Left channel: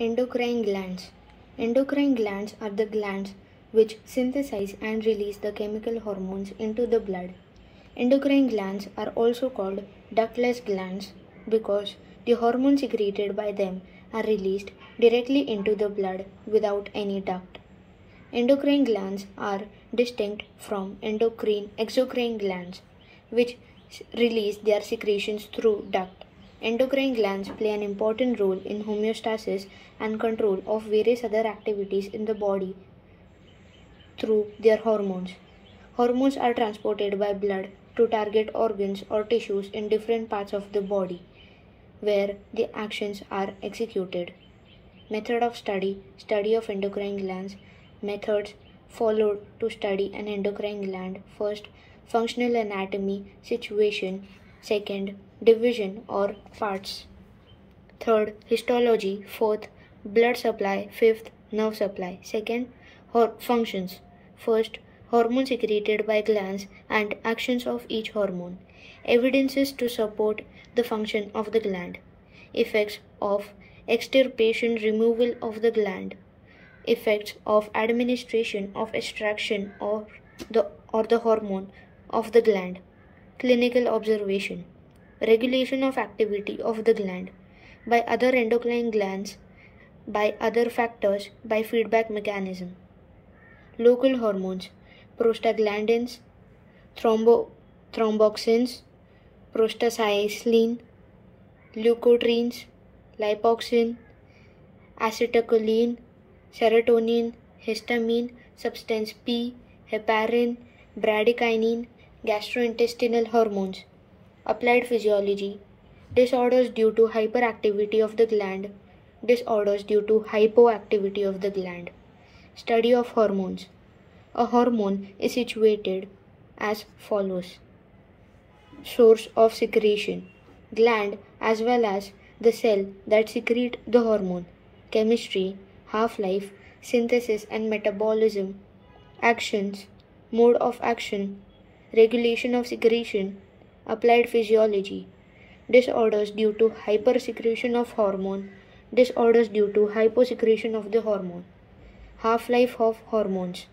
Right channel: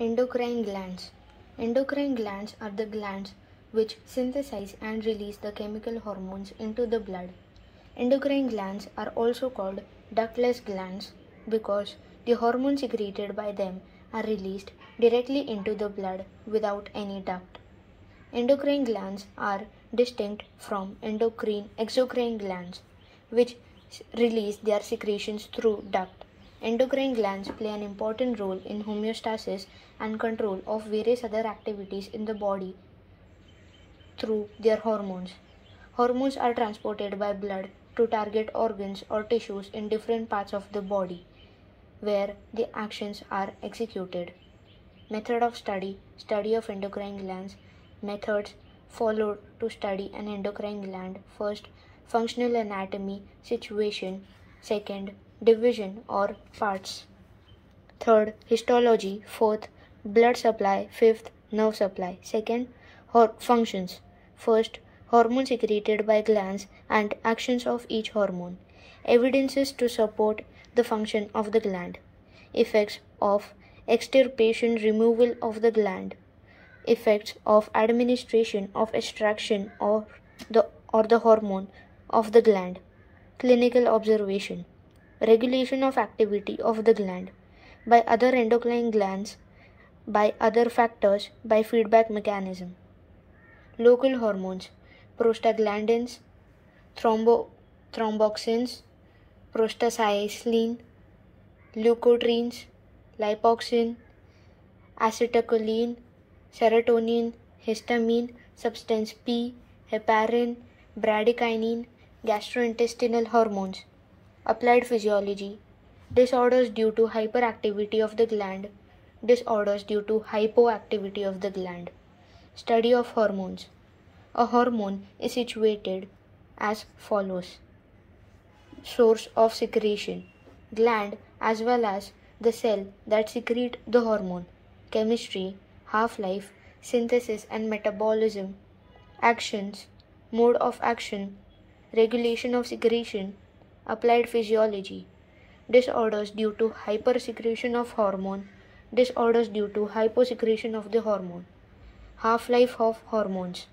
Endocrine glands. Endocrine glands are the glands which synthesize and release the chemical hormones into the blood. Endocrine glands are also called ductless glands because the hormones secreted by them are released directly into the blood without any duct. Endocrine glands are distinct from exocrine glands, which release their secretions through duct. Endocrine glands play an important role in homeostasis and control of various other activities in the body through their hormones. Hormones are transported by blood to target organs or tissues in different parts of the body where the actions are executed. Method of study of endocrine glands. Methods followed to study an endocrine gland. First, functional anatomy, situation. Second, division or parts. Third, histology. Fourth, blood supply. Fifth, nerve supply. Second, functions. First, hormones secreted by glands and actions of each hormone. Evidences to support the function of the gland. Effects of extirpation, removal of the gland. Effects of administration of extraction or the hormone of the gland. Clinical observation. Regulation of activity of the gland by other endocrine glands, by other factors, by feedback mechanism. Local hormones. Prostaglandins, thromboxins, prostacyclin, leukotrienes, lipoxin, acetylcholine, serotonin, histamine, substance P, heparin, bradykinin, gastrointestinal hormones. Applied physiology. Disorders due to hyperactivity of the gland. Disorders due to hypoactivity of the gland. Study of hormones. A hormone is situated as follows. Source of secretion. Gland as well as the cell that secrete the hormone. Chemistry, half-life, synthesis and metabolism. Actions, mode of action, regulation of secretion. Applied physiology. Disorders due to hypersecretion of hormone. Disorders due to hyposecretion of the hormone. Half-life of hormones.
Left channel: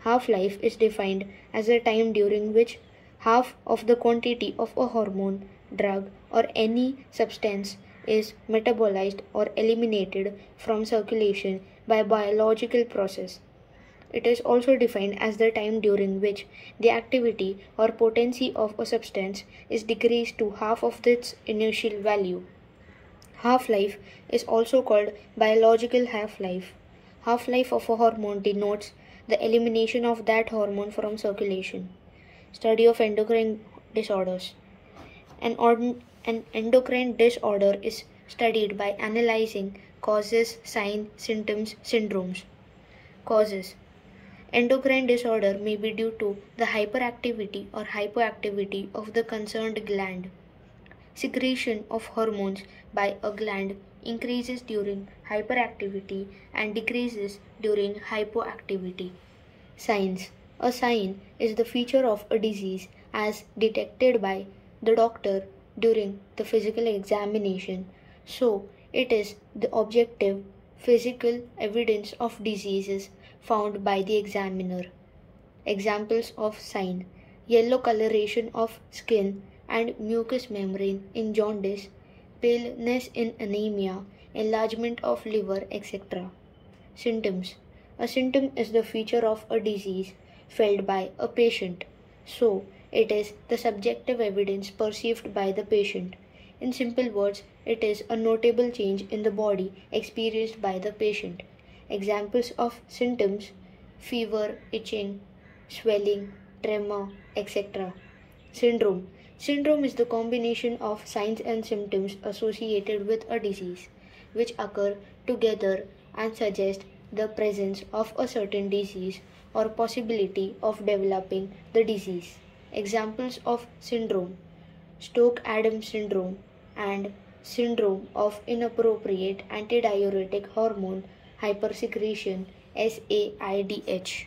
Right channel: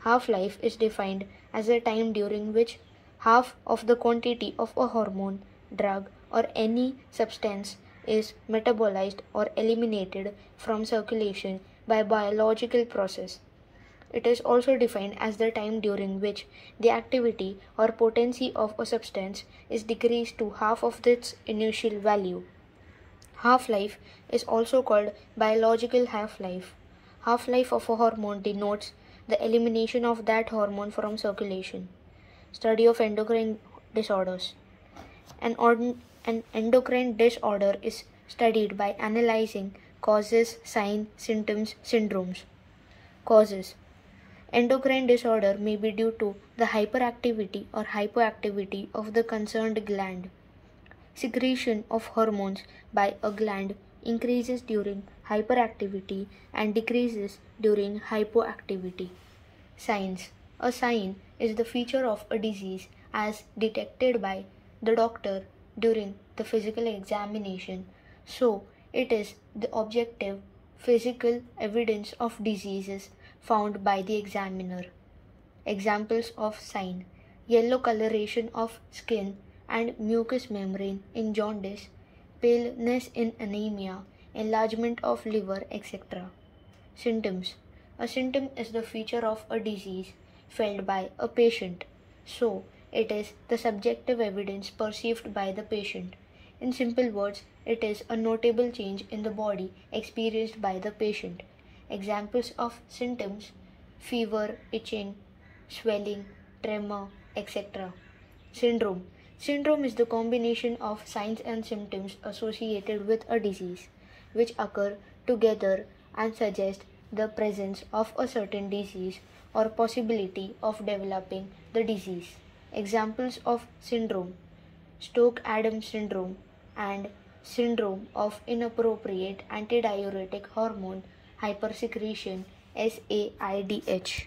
Half-life is defined as the time during which half of the quantity of a hormone, drug or any substance is metabolized or eliminated from circulation by biological process. It is also defined as the time during which the activity or potency of a substance is decreased to half of its initial value. Half-life is also called biological half-life. Half-life of a hormone denotes the elimination of that hormone from circulation. Study of endocrine disorders. An endocrine disorder is studied by analyzing causes, signs, symptoms, syndromes. Causes. Endocrine disorder may be due to the hyperactivity or hypoactivity of the concerned gland. Secretion of hormones by a gland increases during hyperactivity and decreases during hypoactivity. Signs. A sign is the feature of a disease as detected by the doctor during the physical examination. So, it is the objective physical evidence of diseases found by the examiner. Examples of sign: yellow coloration of skin and mucous membrane in jaundice, paleness in anemia, enlargement of liver, etc. Symptoms. A symptom is the feature of a disease felt by a patient. So, it is the subjective evidence perceived by the patient. In simple words, it is a notable change in the body experienced by the patient. Examples of symptoms: fever, itching, swelling, tremor, etc. Syndrome. Syndrome is the combination of signs and symptoms associated with a disease, which occur together and suggest the presence of a certain disease or possibility of developing the disease. Examples of syndrome: Stokes-Adams syndrome and syndrome of inappropriate antidiuretic hormone hypersecretion, SAIDH.